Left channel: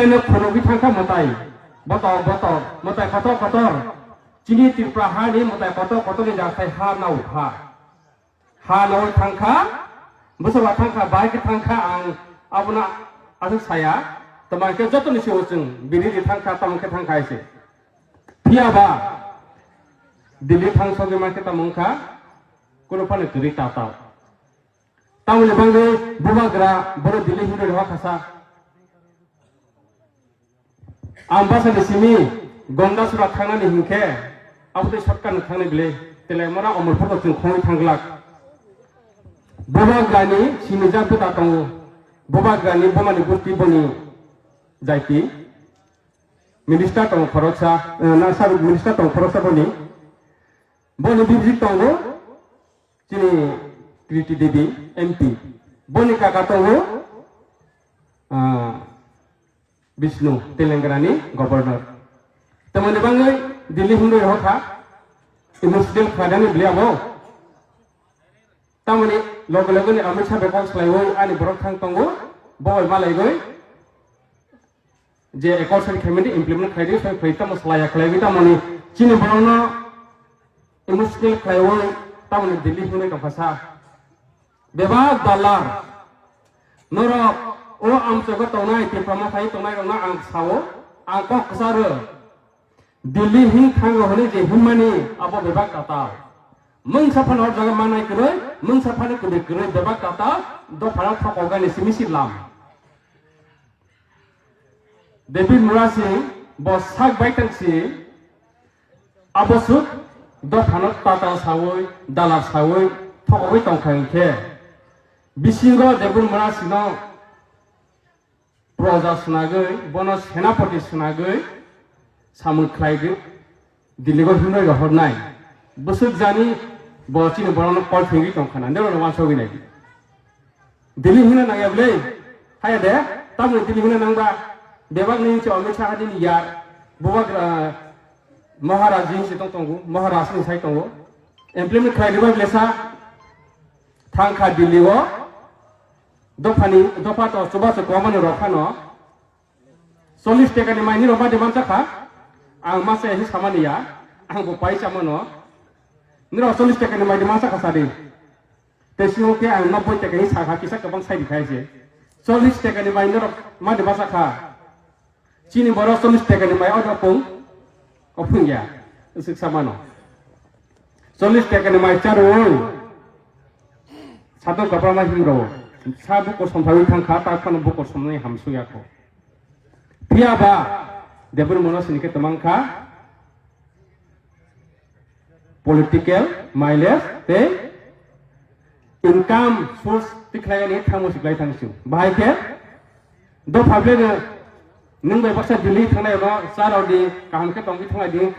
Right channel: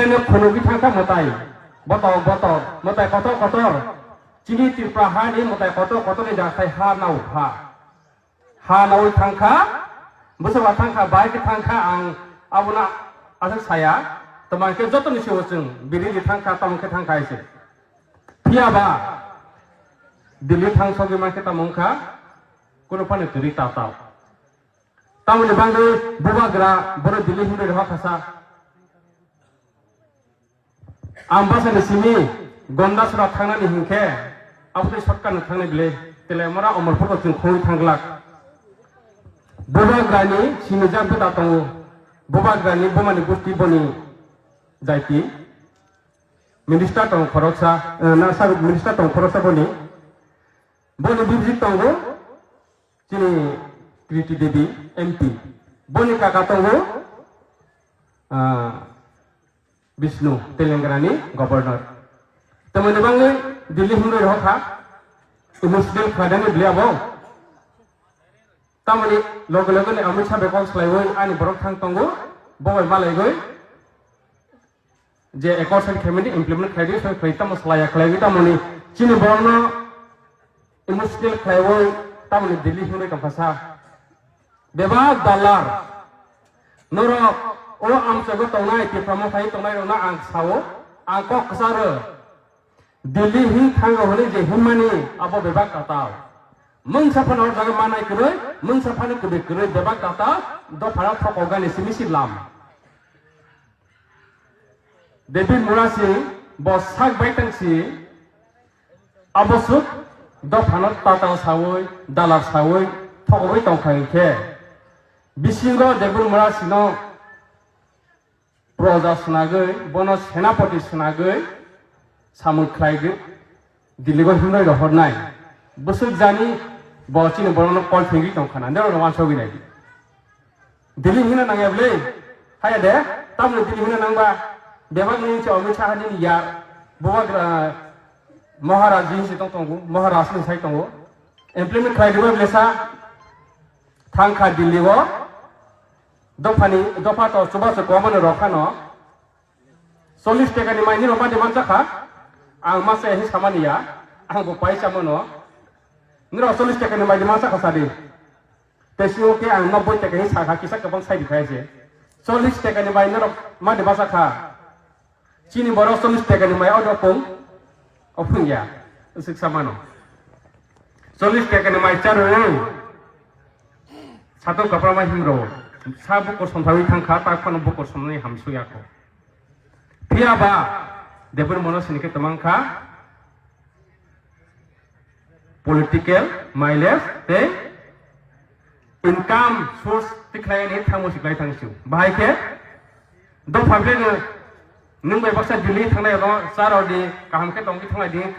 ini kono bitangka motai botol motai kotor cini tipra hani motai kotor ni jangan saya ha nau tangka besar tangka baik tangka ang abuna ada saya teman kita jatuh ni siapa bini di tangka tamu kita tangka isi tiaba dili tang sogi kita mungka kurupan negeri tata tamu ni bangga buka gerak baru dili hudu di kasa ambasa di sini gonda surat thana ni hingke apa tu sorkan thana bile telemara omor photo tungkhoi thanglak buka gani sini jam tu tatong buka gani buma di bukti boni jaiti minister tong khoroksa nasa minister tong khoroksa boni boni bibji tongo sini Kriti Devi MP boni kakak tongo Vishnu Telangana Governor. Teman-teman ni Delhi hundu roha, Muslim kadang ni beliau bawa. Tahu ni logo ni Amit Shah bekal selalu ani berotang tunggu bawa malai gue. Je ekor sen kemedi implement kaya dia kita muslaya kaya kita muni Cina bawa Muslim kaya tahu ni Delhi hundu kapasa. Dewa dalar, noro am jago tongai ti pamakai tongai ona ang sawo ang kok sare Delhi hin thang hole je himani abo bebak kata mung sapan or jaga manai kure mung sapan ku de kure bebak kata do pharak thok organization lam Devi Murasi bosak baitan si abosuk do phanak tata sawoi dalar sawoi thokoi tongkhang ke bisingo Devi Murasi no Praja senagai, bonus senapati senagai, samut kaigu, dilibat hunai rohornai, busuk jani, bocin boran kor tinggi tongkana, anda orang wan sogi lagi. Dili hina nangya beli, hai ada, tamu dili hina nangga, dewak ni cakap Amit Shah ni ya, buat Maharaji situ tunggu, Maharashtra ni saya tunggu, implement kaigu lesa, thangka diliwa. Dopa to coba sekoman rokano, 40 টাকা ni maini roba deman cakap, ang masa ini sama dia, ang bupai sama no, ni 40 টাকা ni maini masa kasadi, tesio ke ang 90 টাকা ni sahah kisah kabang saya dikai je, 40 টাকা ni maini roba madi masa kah, cini baru 40 টাকা ni maini order pun, opung ya, usik sama no, 40 টাকা ni maini caru, satu kapal mah hero. Sabu ko sampai tangka tak pernah buku sampai hamsu ya ko. Tiaba, dia bermula sini ke temangka political mileage, te income source tiklai ni thamu siklai thangsu. Bahai ke, do public nung bai baksa Delhi thangai ro sar odi kaham ke tongki thangai di